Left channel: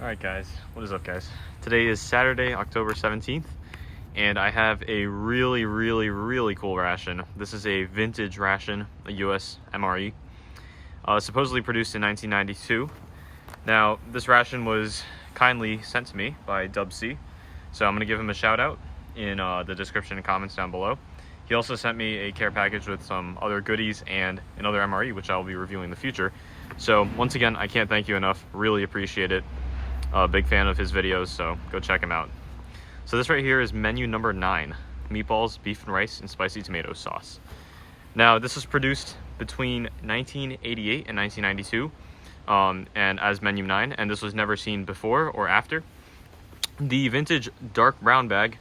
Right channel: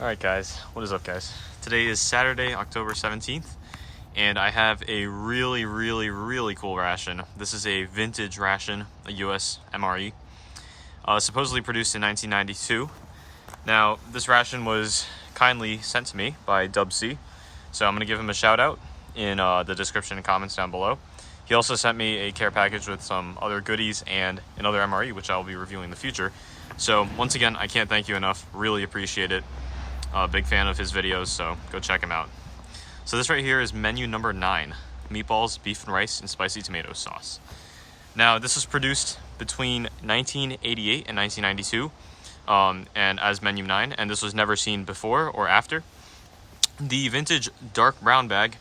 Alright guys, what is up guys? Today is Saturday, October 17th, and I have a really cool ration. This is a vintage ration, a US MRE, supposedly produced in 1992. Now, this ration was kindly sent to me by Dub C, so I'm going to give him a shout out in the description and comments down below. He also sent me a care package with some other goodies and another MRE, which I will be reviewing in the future. So once again, I can't thank you enough. Really appreciate it. Big fan of his videos, so go check him out. So this right here is menu number 9, meatballs, beef and rice, and spicy tomato sauce. Now this was produced between 1988 and 1992, and as menu 9, and this was never seen before or after. The vintage dark brown bag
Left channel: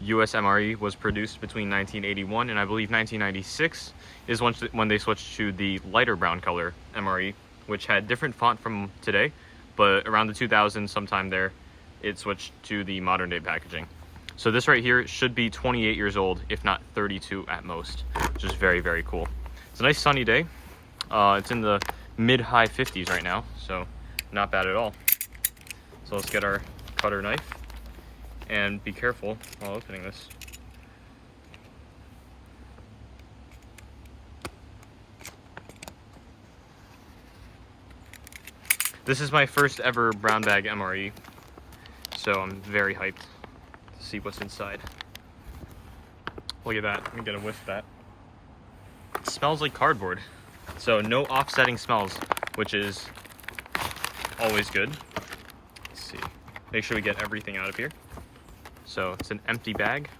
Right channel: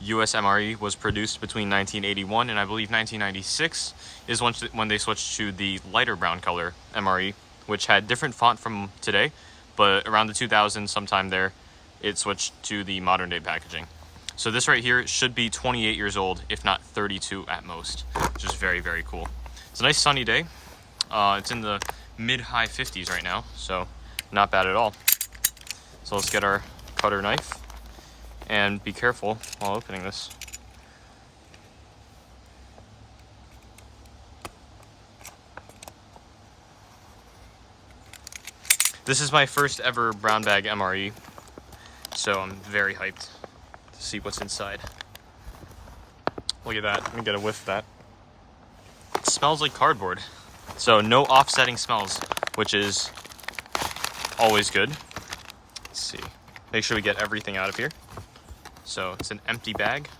US MRE was produced between 1981 and I believe 1996 is when they switched to the lighter brown color MRE, which had different font from today. But around the 2000s, sometime there, it switched to the modern day packaging. So this right here should be 28 years old, if not 32 at most, which is very cool. It's a nice sunny day. It's in the mid-high 50s right now, so not bad at all. So let's get our cutter knife and be careful while opening this. This is my first ever brown bag MRE, so I'm very hyped to see what's inside. Look at that, let me get a whiff of that. It smells like cardboard, so no offsetting smells, which is always good. Let's see, make sure we get everything out of here. So it's an empty bag.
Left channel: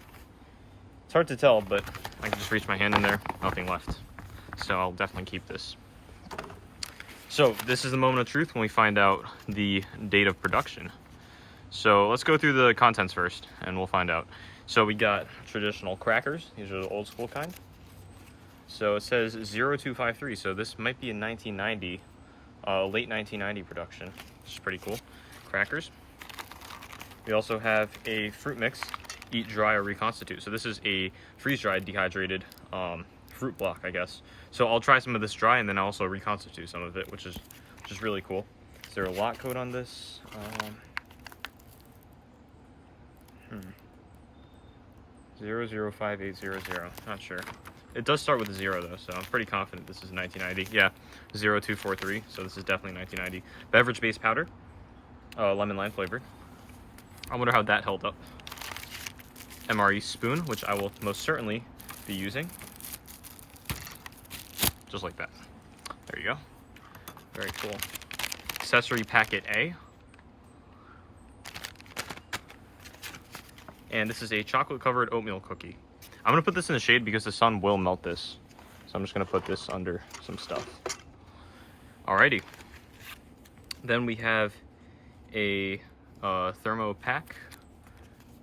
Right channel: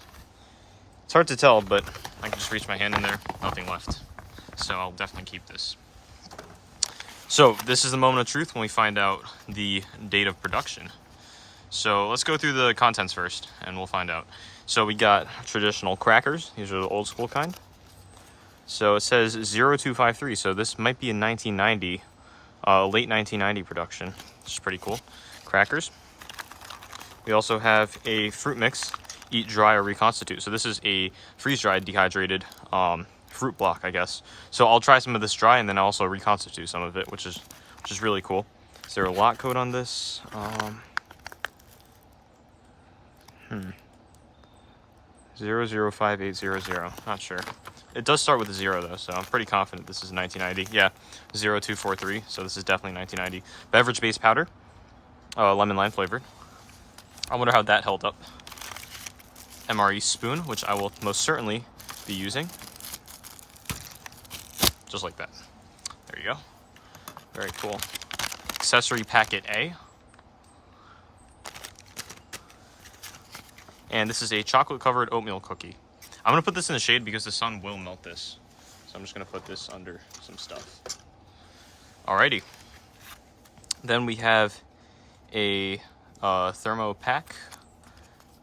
It's hard to tell, but I can just reach my hand in there, nothing left. So I'll definitely keep this. So this is the moment of truth when we find out the date of production. So let's go through the contents first and we'll find out. So we got traditional crackers. These are the old school kind. So it says 0253. So this might be a 1990, late 1990 production, which is pretty cool. Crackers. We also have a fruit mix, eat dry or reconstitute. So this is a freeze-dried dehydrated fruit block, I guess. So I'll try some of this dry and then I'll also reconstitute some of it, which is really cool. Is there a lot code on this? 005800. Not sure. It does start with a 0 though, so I'm pretty confident this is 1990. Yeah, 0243. So this is definitely 1990. Beverage base powder, lemon lime flavored. I wonder how that held up. MRE spoon, which I will most certainly be using. Just like that. There you go. Very cool. Accessory Packet A. And this is a chocolate covered oatmeal cookie. I'm gonna put this in the shade because the sun will melt this. So I'm just gonna put this under some stuff. Alrighty. Then we have a thermo pack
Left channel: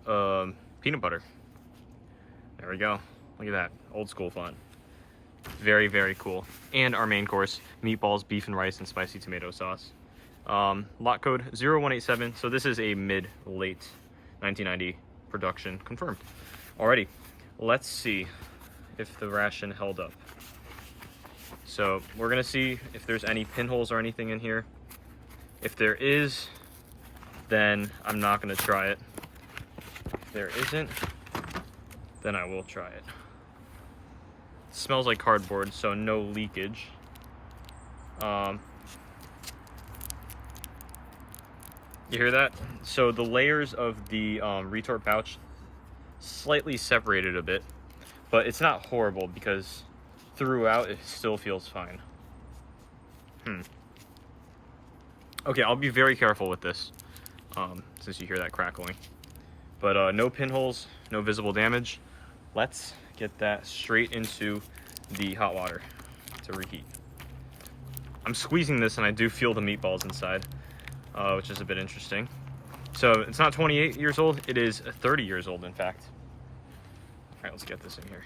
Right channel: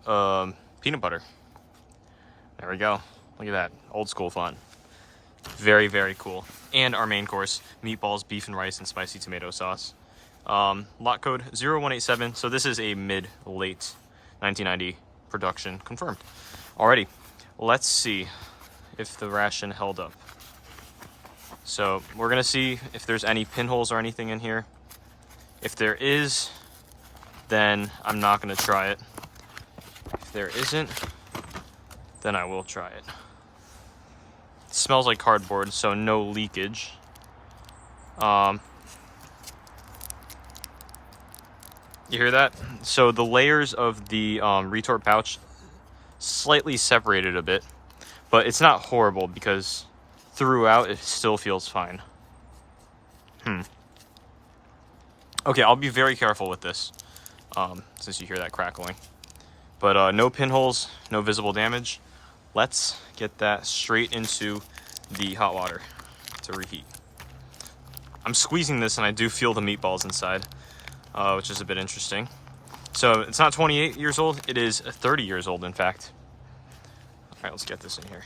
peanut butter. There we go. Look at that. Old school fun. Very cool. And our main course, meatballs, beef and rice, and spicy tomato sauce. Lot code 0187. So this is a mid-late 1990 production confirmed. Alrighty, let's see if the ration held up. So we're gonna see if there's any pinholes or anything in here. If there is, then I'm not gonna try it. If there isn't, then I will try it. It smells like cardboard, so no leakage. You hear that? So the layers of the retort pouch slightly separated a bit, but it's not horrible because throughout it still feels fine. Okay, I'll be very careful with this since you hear that crackling. But no pinholes, no visible damage. Let's get that straight into the hot water to reheat. I'm squeezing this and I do feel the meatballs inside, which is a bit interesting. So it's not 28 years old, it is 30 years old in fact. All right, let's get this in here.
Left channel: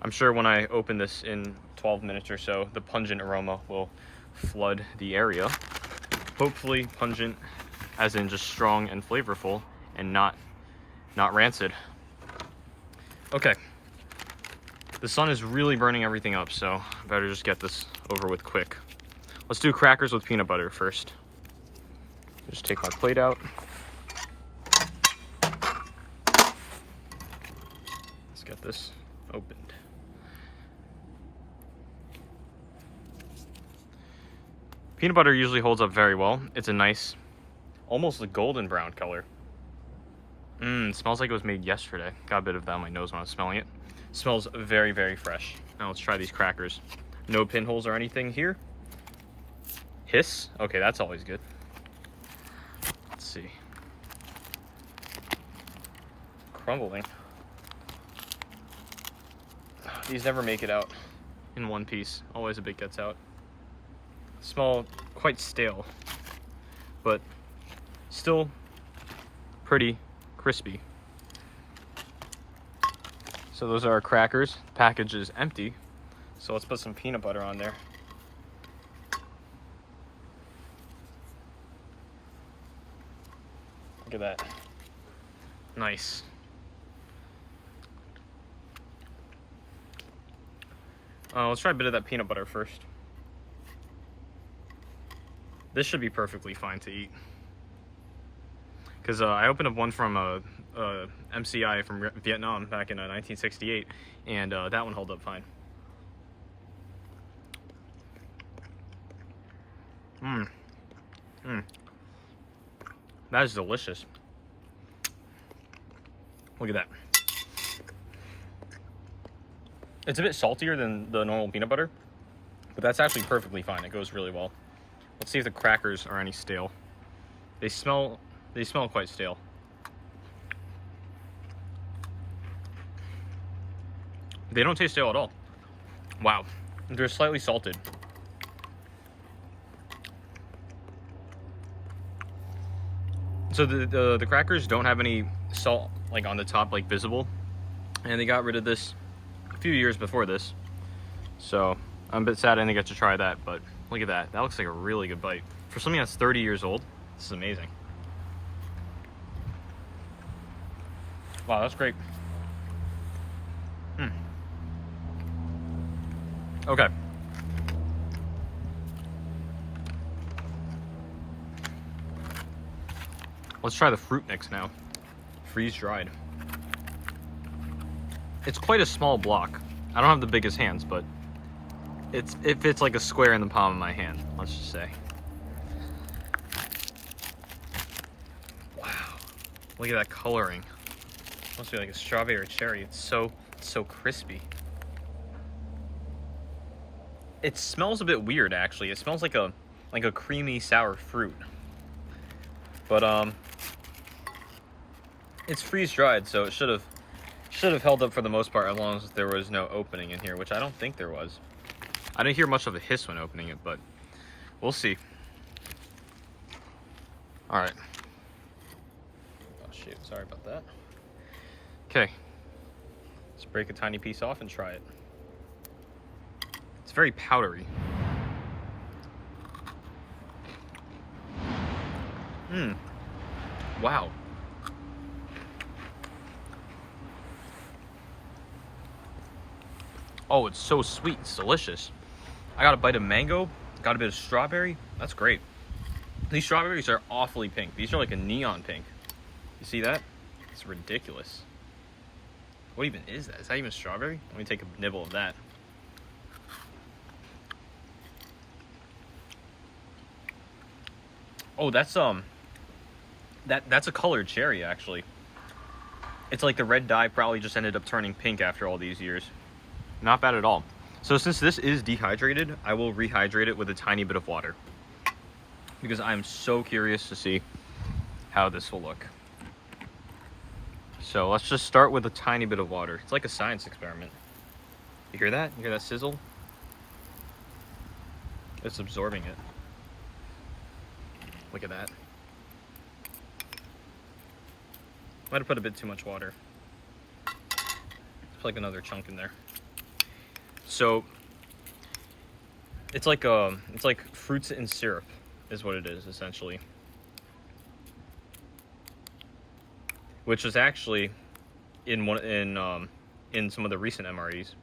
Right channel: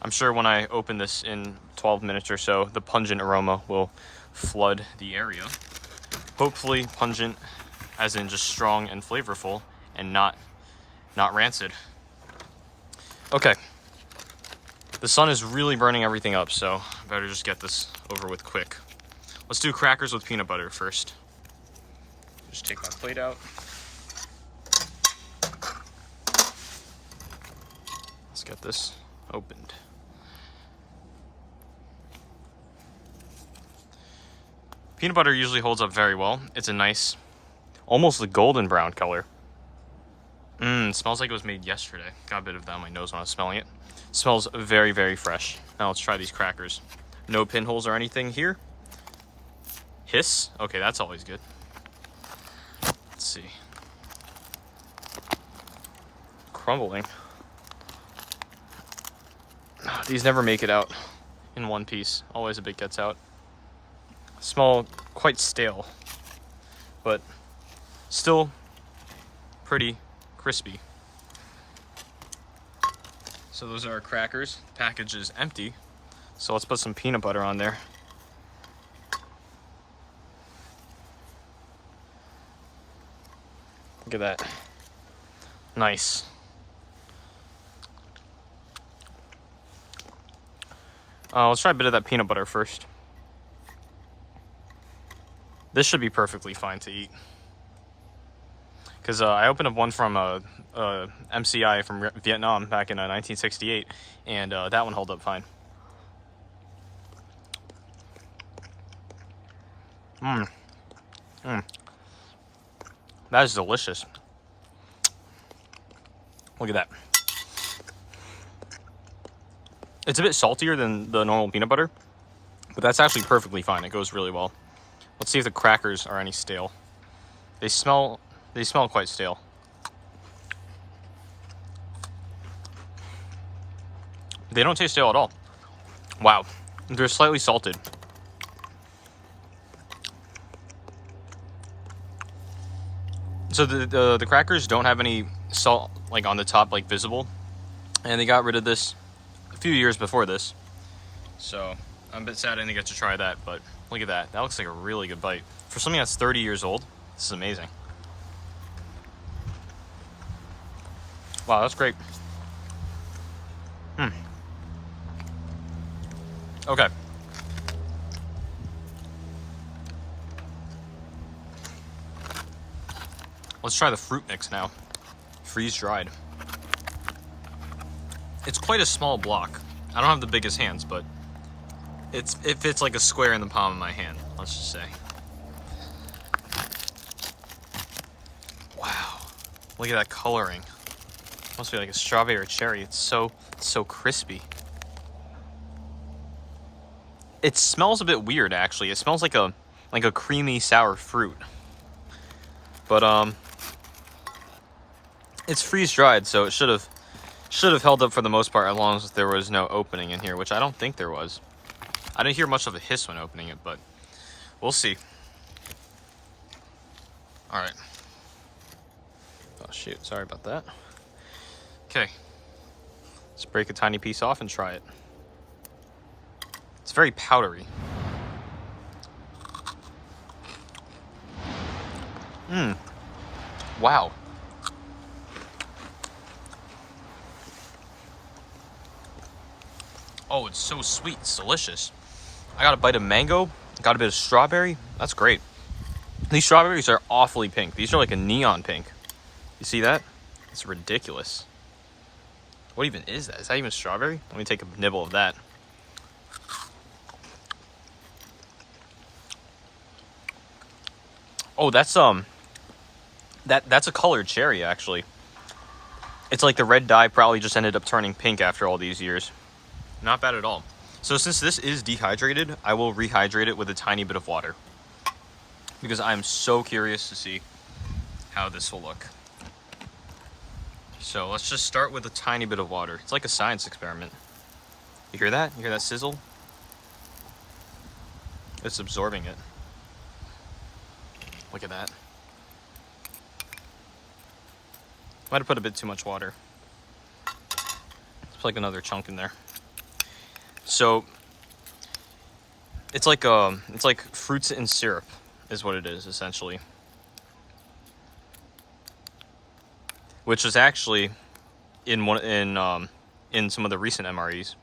I'm sure when I open this in 12 minutes or so, the pungent aroma will flood the area. Hopefully pungent as in just strong and flavorful and not rancid. Okay, The sun is really burning everything up, so I better just get this over with quick. Let's do crackers with peanut butter first. Just take my plate out. Let's get this opened. Peanut butter usually holds up very well. It's a nice, almost a golden brown color. Smells like it was made yesterday. Got a bit of that on my nose when I was smelling it. Smells very, very fresh. Now let's try these crackers. No pinholes or anything here. Hiss. Okay, that's always good. Let's see. Crumbling. These never make it out in one piece. Always a bit gets out. Smell quite stale, but still pretty crispy. So those are our crackers. The package is empty, so let's put some peanut butter on there. Look at that. Nice. Let's try a bit of that peanut butter first. This should be perfectly fine to eat. Because I opened up one from MCI from Vietnam back in 1968, and that one held up fine. That is delicious. Look at that. It's a bit saltier than the normal peanut butter, but that's actually perfectly fine. It goes really well. Let's see if the crackers are any stale. They smell quite stale. They don't taste stale at all. Wow, they're slightly salted. So the crackers don't have any salt like on the top, like visible, and they got rid of this a few years before this. So I'm a bit sad I didn't get to try that, but look at that. That looks like a really good bite. For something that's 30 years old, this is amazing. Wow, that's great. Okay. Let's try the fruit mix now. Freeze dried. It's quite a small block. I don't have the biggest hands, but it fits like a square in the palm of my hand, let's just say. Wow. Look at that coloring. Must be like a strawberry or cherry. It's so crispy. It smells a bit weird, actually. It smells like a creamy sour fruit. But it's freeze dried, so it should have held up for the most part, as long as there was no opening in here, which I don't think there was. I didn't hear much of a hiss when opening it, but we'll see. All right. Oh shoot, sorry about that. Okay, let's break a tiny piece off and try it. It's very powdery. Wow. Oh, it's so sweet. It's delicious. I got a bite of mango. Got a bit of strawberry. That's great. These strawberries are awfully pink. These are like a neon pink. You see that? It's ridiculous. What even is that? Is that even strawberry? Let me take a nibble of that. Oh, that's that's a colored cherry, actually. It's like the red dye probably just ended up turning pink after all these years. Not bad at all. So since this is dehydrated, I will rehydrate it with a tiny bit of water, because I'm so curious to see how this will look. So let's just start with a tiny bit of water. It's like a science experiment. You hear that? You hear that sizzle? It's absorbing it. Look at that. Might have put a bit too much water. Let's put like another chunk in there. So it's like fruits in syrup is what it is, essentially. Which was actually in some of the recent MREs.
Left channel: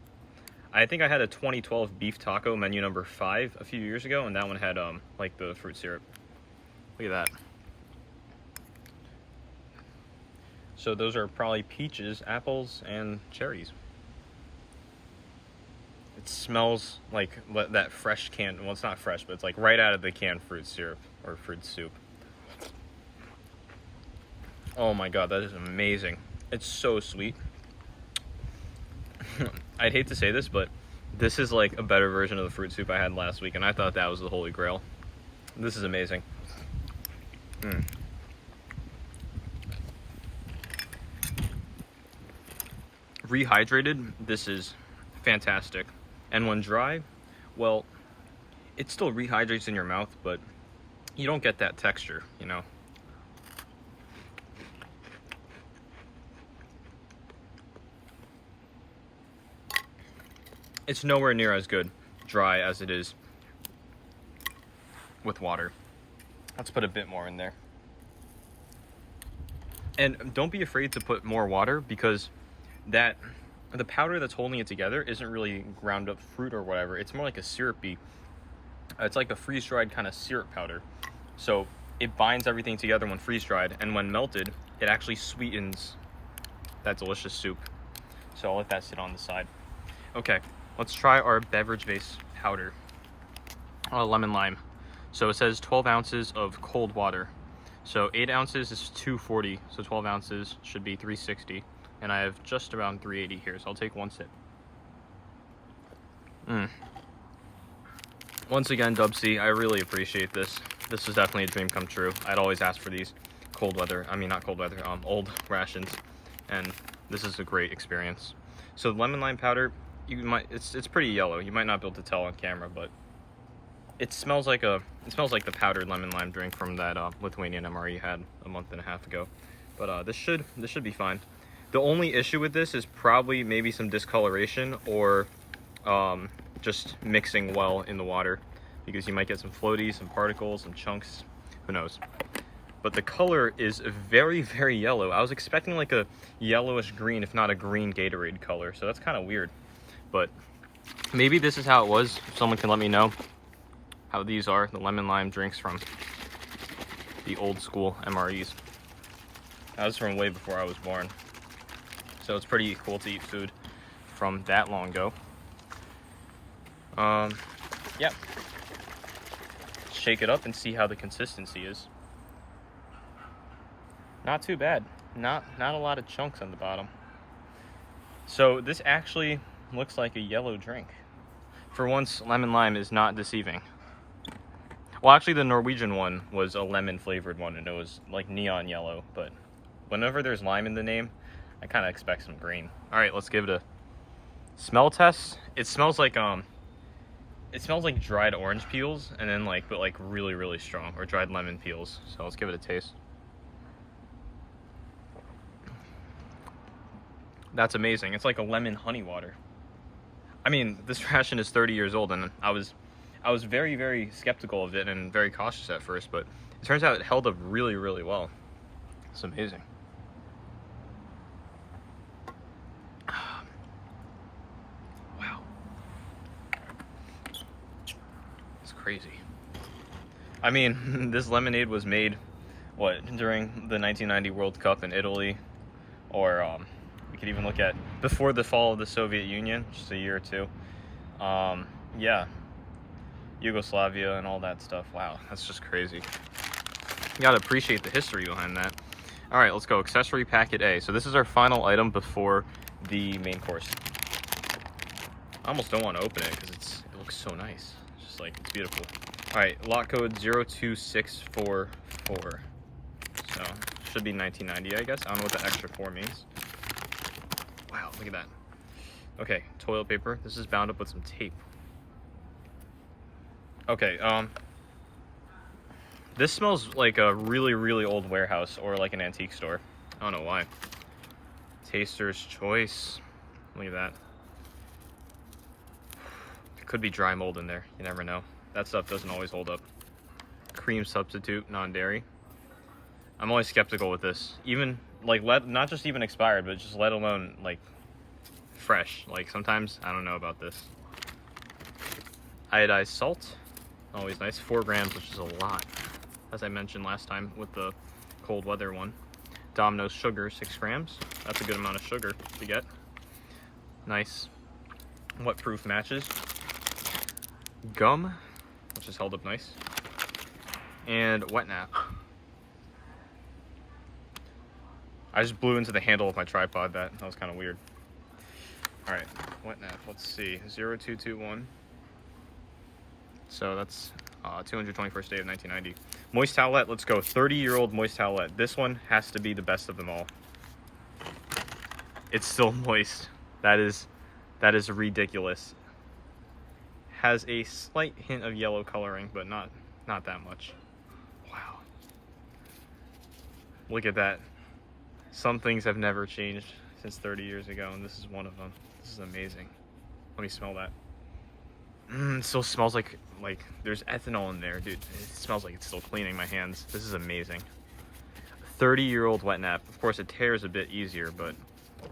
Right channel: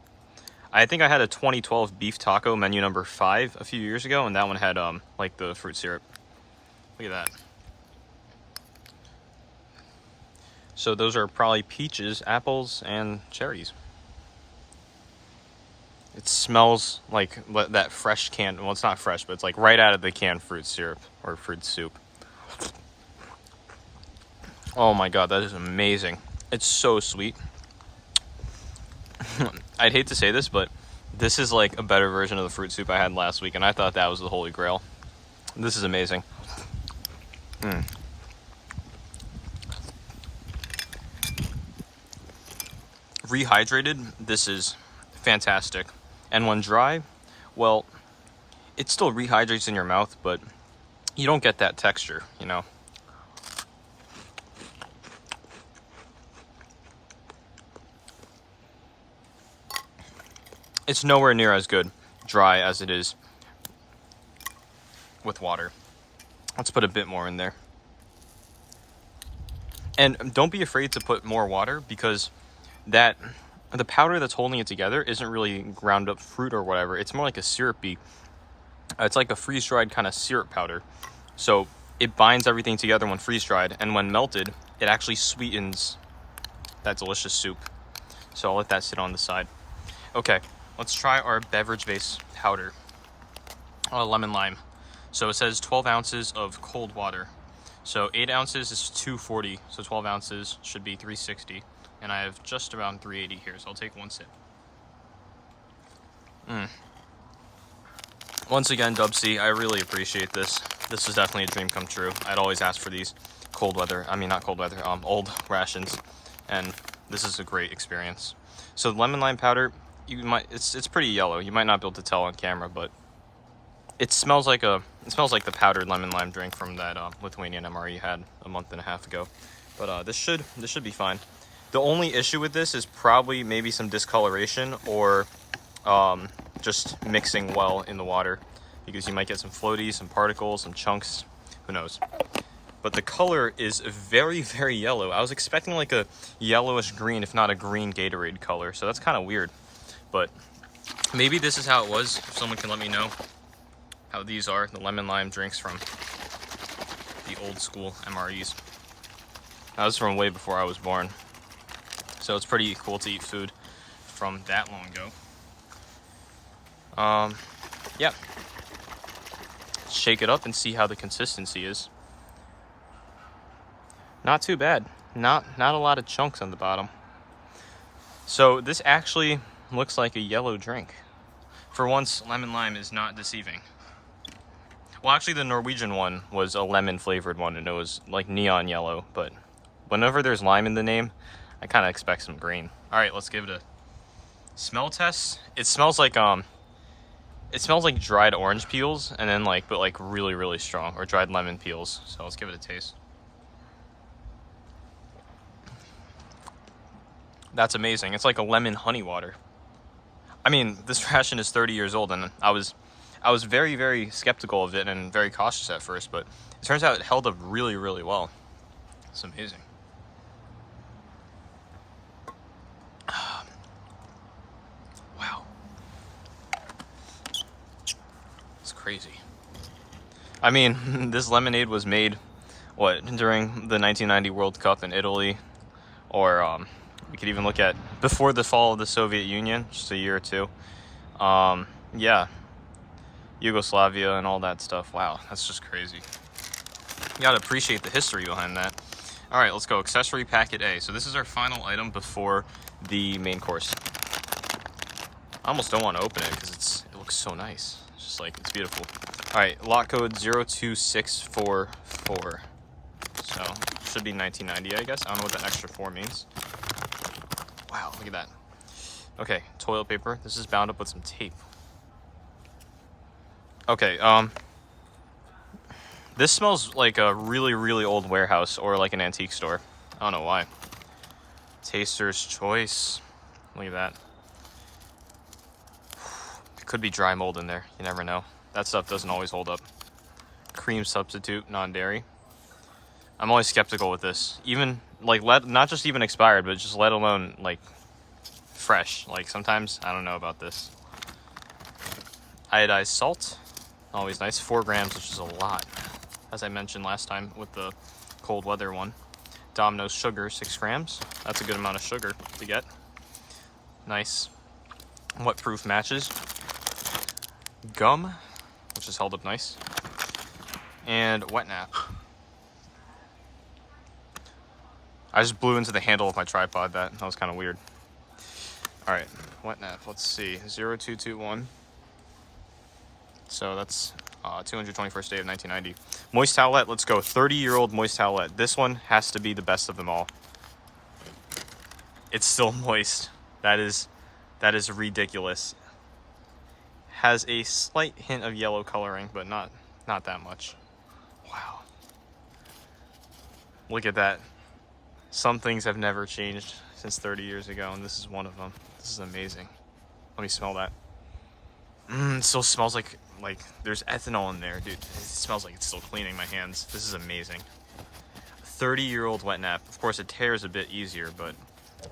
I think I had a 2012 beef taco, menu number 5, a few years ago, and that one had like the fruit syrup. Look at that. So those are probably peaches, apples, and cherries. It smells like that fresh canned, well, it's not fresh, but it's like right out of the canned fruit syrup or fruit soup. Oh my god, that is amazing. It's so sweet. I'd hate to say this, but this is like a better version of the fruit soup I had last week, and I thought that was the holy grail. This is amazing. Rehydrated, this is fantastic. And when dry, well, it still rehydrates in your mouth, but you don't get that texture, you know? It's nowhere near as good dry as it is with water. Let's put a bit more in there. And don't be afraid to put more water, because the powder that's holding it together isn't really ground up fruit or whatever. It's more like a syrupy, it's like a freeze-dried kind of syrup powder. So it binds everything together when freeze-dried, and when melted, it actually sweetens that delicious soup. So I'll let that sit on the side. Okay, let's try our beverage base powder. Lemon lime. So it says 12 ounces of cold water. So 8 ounces is 240, so 12 ounces should be 360. And I have just around 380 here, so I'll take one sip. Once again, Dubsy, I really appreciate this. This is definitely a dream come true. I'd always ask for these old rations, and this is a great experience. So lemon lime powder, it's pretty yellow. You might not be able to tell on camera, but it smells like the powdered lemon lime drink from that Lithuanian MRE you had a month and a half ago. But this should be fine. The only issue with this is probably maybe some discoloration, or just mixing well in the water, because you might get some floaties, some particles, some chunks, who knows. But the color is very, very yellow. I was expecting like a yellowish green, if not a green Gatorade color, so that's kind of weird. But maybe this is how it was. If someone can let me know how these are, the lemon lime drinks from the old school MREs. That was from way before I was born. So it's pretty cool to eat food from that long ago. Yeah. Shake it up and see how the consistency is. Not too bad. Not a lot of chunks on the bottom. So this actually looks like a yellow drink. For once, lemon lime is not deceiving. Well, actually the Norwegian one was a lemon flavored one, and it was like neon yellow, but whenever there's lime in the name, I kind of expect some green. All right, let's give it a smell test. It smells like dried orange peels, and then but really, really strong, or dried lemon peels. So let's give it a taste. That's amazing. It's like a lemon honey water. I mean, this ration is 30 years old, and I was very, very skeptical of it and very cautious at first, but it turns out it held up really, really well. It's amazing. Wow. It's crazy. I mean, this lemonade was made, during the 1990 World Cup in Italy, or we could even look at before the fall of the Soviet Union, just a year or two. Yeah, Yugoslavia and all that stuff. Wow, that's just crazy. You gotta appreciate the history behind that. All right, let's go. Accessory Packet A. So this is our final item before the main course. I almost don't want to open it because it looks so nice. It's just it's beautiful. All right, lot code 02644. So should be 1990, I guess. I don't know what that extra 4 means. Wow, look at that. Okay, toilet paper. This is bound up with some tape. Okay, this smells like a really, really old warehouse or like an antique store. I don't know why. Taster's Choice. Look at that. It could be dry mold in there. You never know. That stuff doesn't always hold up. Cream substitute, non-dairy. I'm always skeptical with this. Even, not just even expired, but just let alone, fresh. Like sometimes, I don't know about this. Iodized salt, always nice, 4 grams, which is a lot, as I mentioned last time with the cold weather one. Domino's sugar, 6 grams. That's a good amount of sugar to get. Nice wet-proof matches. Gum, which is held up nice. And wet nap. I just blew into the handle of my tripod. That was kind of weird. All right, wet nap. Let's see, 0221. So that's 221st day of 1990. Moist towelette. Let's go. 30-year-old moist towelette. This one has to be the best of them all. It's still moist. That is ridiculous. Has a slight hint of yellow coloring, but not that much. Wow. Look at that. Some things have never changed since 30 years ago, and this is one of them. This is amazing. Let me smell that. It still smells like there's ethanol in there, dude. It smells like it's still cleaning my hands. This is amazing. 30-year-old wet nap. Of course, it tears a bit easier, but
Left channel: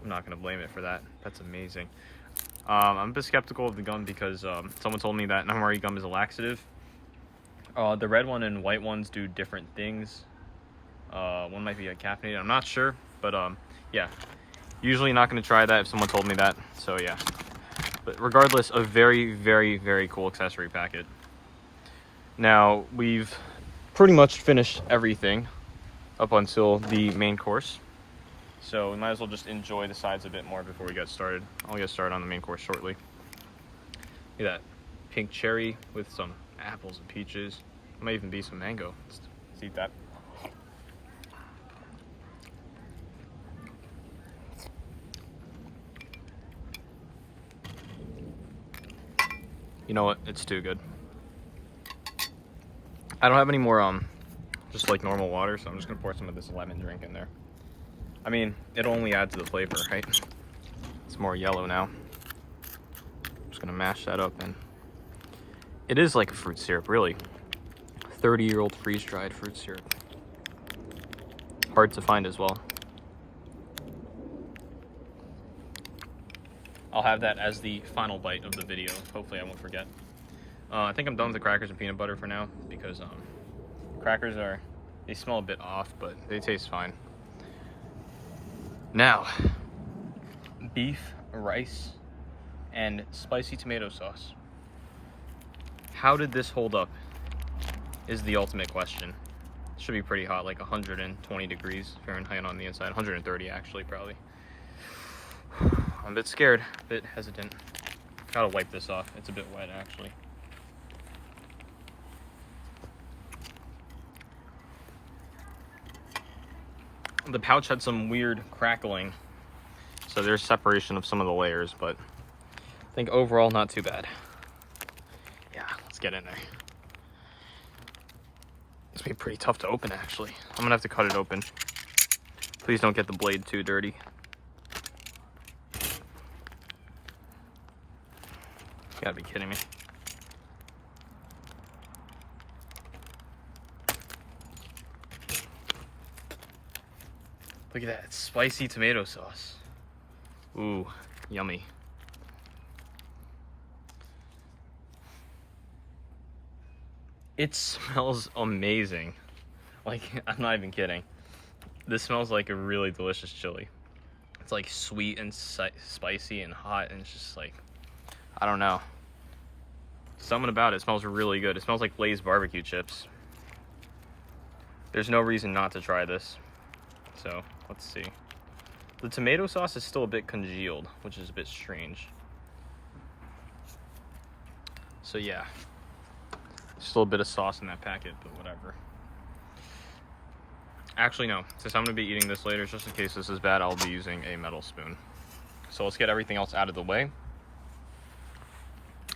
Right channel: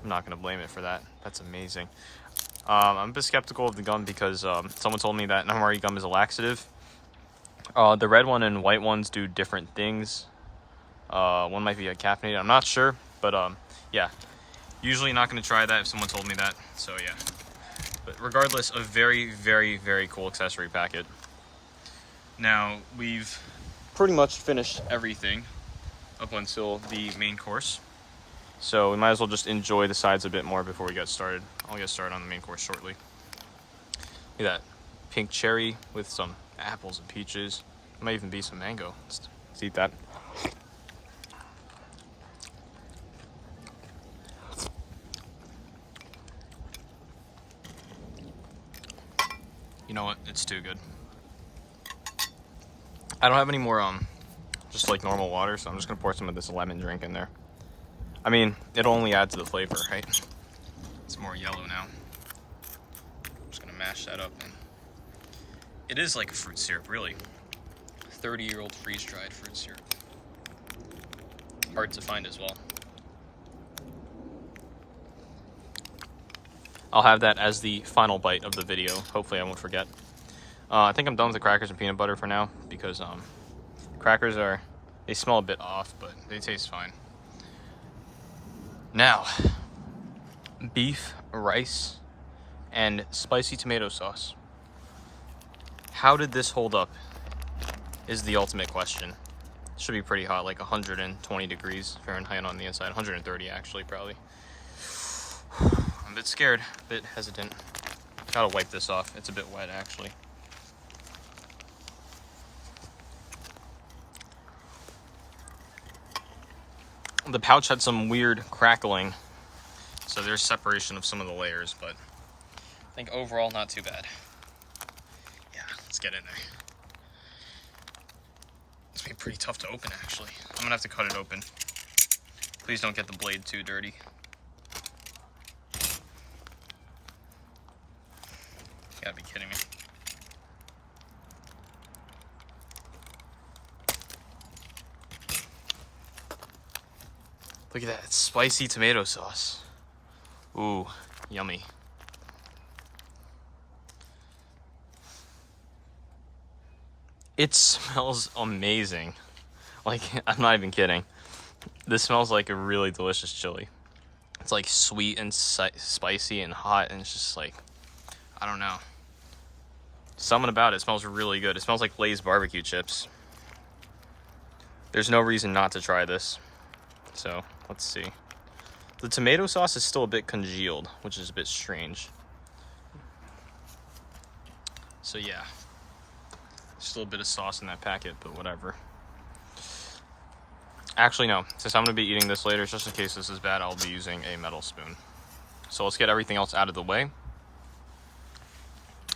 I'm not gonna blame it for that. That's amazing. I'm a bit skeptical of the gum because someone told me that MRE gum is a laxative. The red one and white ones do different things. One might be caffeinated. I'm not sure, but yeah. Usually not gonna try that if someone told me that. So yeah. But regardless, a very, very, very cool accessory packet. Now, we've pretty much finished everything up until the main course. So we might as well just enjoy the sides a bit more before we get started. I'll get started on the main course shortly. Look at that. Pink cherry with some apples and peaches. Might even be some mango. Let's eat that. You know what? It's too good. I don't have any more just like normal water, so I'm just gonna pour some of this lemon drink in there. I mean, it'll only add to the flavor, right? It's more yellow now. I'm just gonna mash that up, and it is like a fruit syrup, really. 30-year-old freeze-dried fruit syrup. Hard to find as well. I'll have that as the final bite of the video. Hopefully I won't forget. I think I'm done with the crackers and peanut butter for now because crackers they smell a bit off, but they taste fine. Now, beef, rice, and spicy tomato sauce. How did this hold up is the ultimate question. Should be pretty hot, like 120 degrees Fahrenheit on the inside. 130 actually, probably. I'm a bit scared, a bit hesitant. Gotta wipe this off. It's a bit wet, actually. The pouch had some weird crackling, so there's separation of some of the layers, but I think overall not too bad. Yeah, let's get in there. It's gonna be pretty tough to open, actually. I'm gonna have to cut it open. Please don't get the blade too dirty. You gotta be kidding me. Look at that, it's spicy tomato sauce. Ooh, yummy. It smells amazing. Like, I'm not even kidding. This smells like a really delicious chili. It's like sweet and spicy and hot, and it's just like, I don't know. Something about it smells really good. It smells like Lay's barbecue chips. There's no reason not to try this. So, let's see. The tomato sauce is still a bit congealed, which is a bit strange. So yeah. Still a bit of sauce in that packet, but whatever. Actually, no. Since I'm going to be eating this later, just in case this is bad, I'll be using a metal spoon. So let's get everything else out of the way.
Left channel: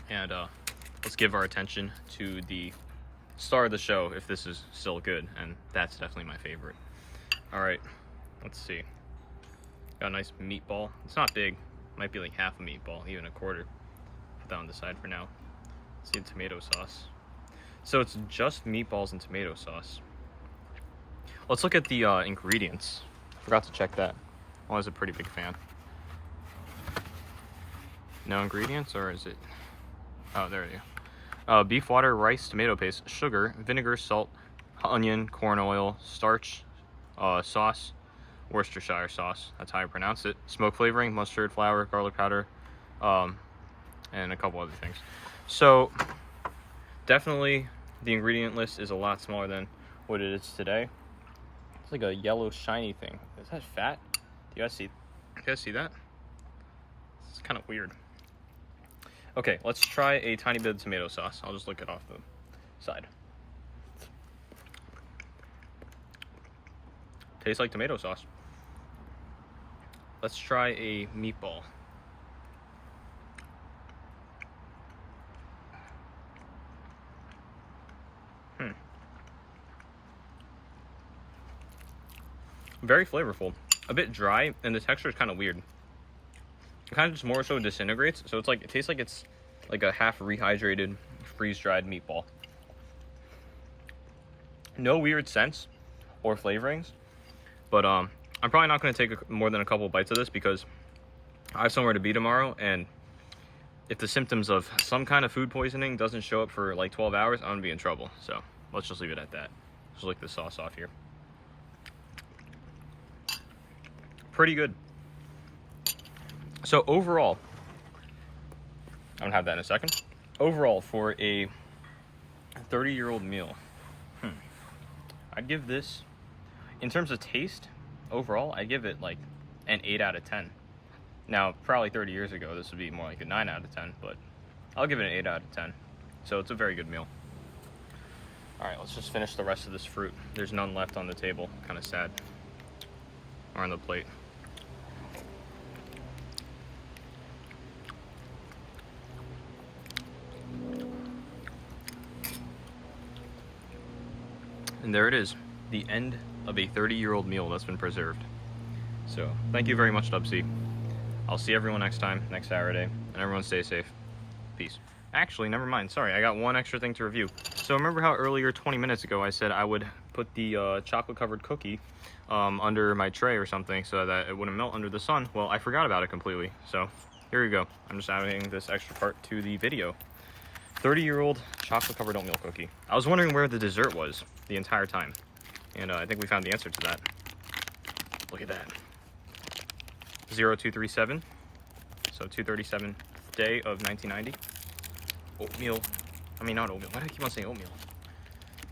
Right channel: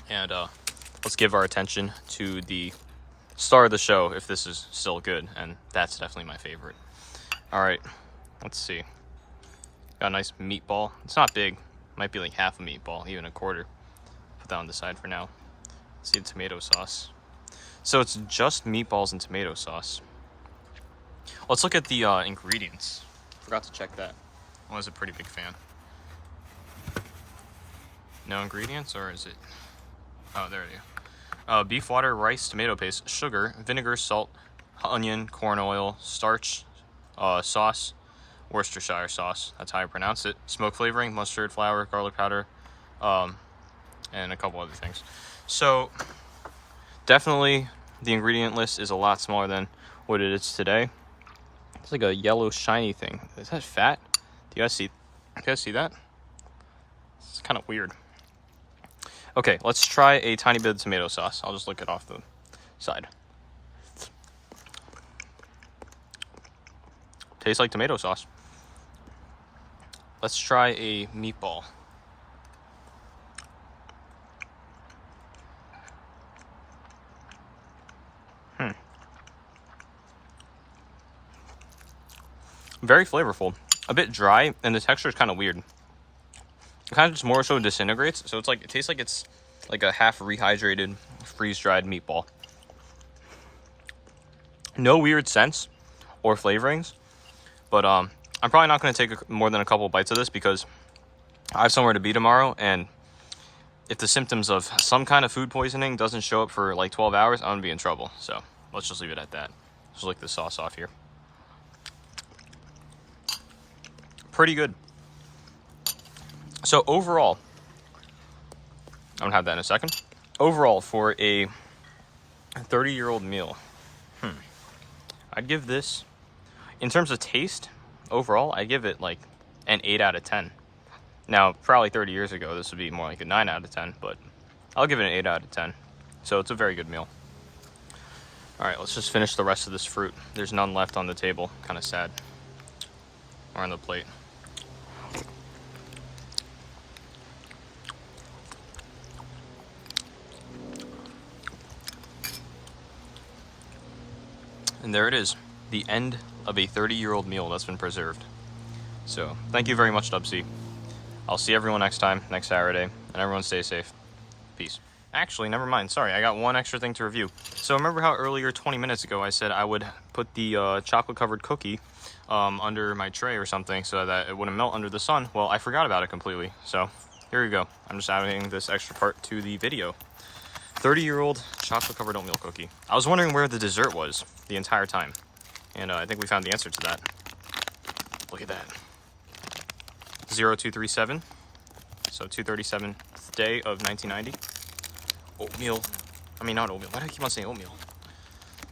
And let's give our attention to the star of the show, if this is still good. And that's definitely my favorite. All right, let's see. Got a nice meatball. It's not big. Might be like half a meatball, even a quarter. Put that on the side for now. Let's see the tomato sauce. So it's just meatballs and tomato sauce. Let's look at the ingredients. Forgot to check that. I was a pretty big fan. No ingredients, or is it? Oh, there you go. Beef water, rice, tomato paste, sugar, vinegar, salt, onion, corn oil, starch, sauce, Worcestershire sauce. That's how I pronounce it. Smoke flavoring, mustard, flour, garlic powder, and a couple other things. So definitely the ingredient list is a lot smaller than what it is today. It's like a yellow shiny thing. Is that fat? Do you guys see that? It's kind of weird. Okay, let's try a tiny bit of tomato sauce. I'll just lick it off the side. Tastes like tomato sauce. Let's try a meatball. Very flavorful. A bit dry, and the texture is kind of weird. It kind of just more so disintegrates, so it's like it tastes like it's like a half rehydrated, freeze-dried meatball. No weird scents or flavorings, but I'm probably not going to take more than a couple bites of this because I have somewhere to be tomorrow, and if the symptoms of some kind of food poisoning doesn't show up for like 12 hours, I'm going to be in trouble. So let's just leave it at that. Just lick the sauce off here. Pretty good. So overall, I'm gonna have that in a second. Overall, for a 30-year-old meal, I'd give this, in terms of taste, overall, I'd give it like an 8 out of 10. Now, probably 30 years ago, this would be more like a 9 out of 10, but I'll give it an 8 out of 10. So it's a very good meal. All right, let's just finish the rest of this fruit. There's none left on the table, kind of sad, or on the plate. And there it is, the end of a 30-year-old meal that's been preserved. So thank you very much, Dubsy. I'll see everyone next time, next Saturday, and everyone stay safe. Peace. Actually, never mind. Sorry, I got one extra thing to review. So remember how earlier, 20 minutes ago, I said I would put the chocolate-covered cookie under my tray or something so that it wouldn't melt under the sun? Well, I forgot about it completely. So here we go. I'm just adding this extra part to the video. 30-year-old chocolate-covered oatmeal cookie. I was wondering where the dessert was the entire time, and I think we found the answer to that. Look at that. 0237, so 237th day of 1990. Oatmeal. I mean, not oatmeal. Why do I keep on saying oatmeal?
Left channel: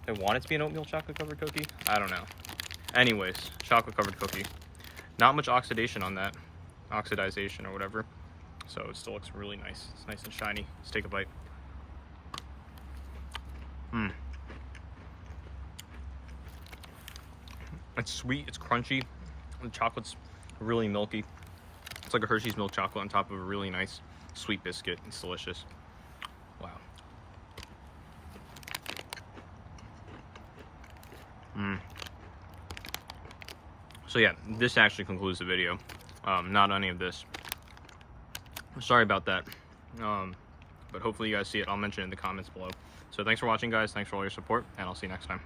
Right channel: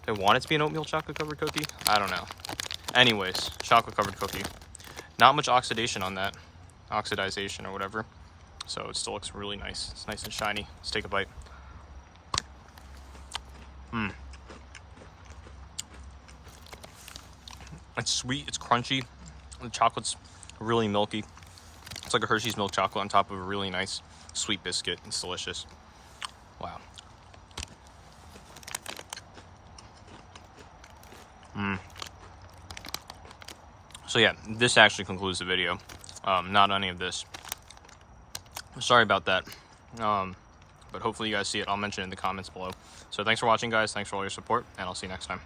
I want it to be an oatmeal chocolate-covered cookie? I don't know. Anyways, chocolate-covered cookie. Not much oxidation on that. Oxidization or whatever. So it still looks really nice. It's nice and shiny. Let's take a bite. It's sweet, it's crunchy, the chocolate's really milky. It's like a Hershey's milk chocolate on top of a really nice sweet biscuit. It's delicious. Wow. So yeah, this actually concludes the video. Not any of this. Sorry about that. But hopefully you guys see it. I'll mention it in the comments below. So thanks for watching, guys. Thanks for all your support, and I'll see you next time.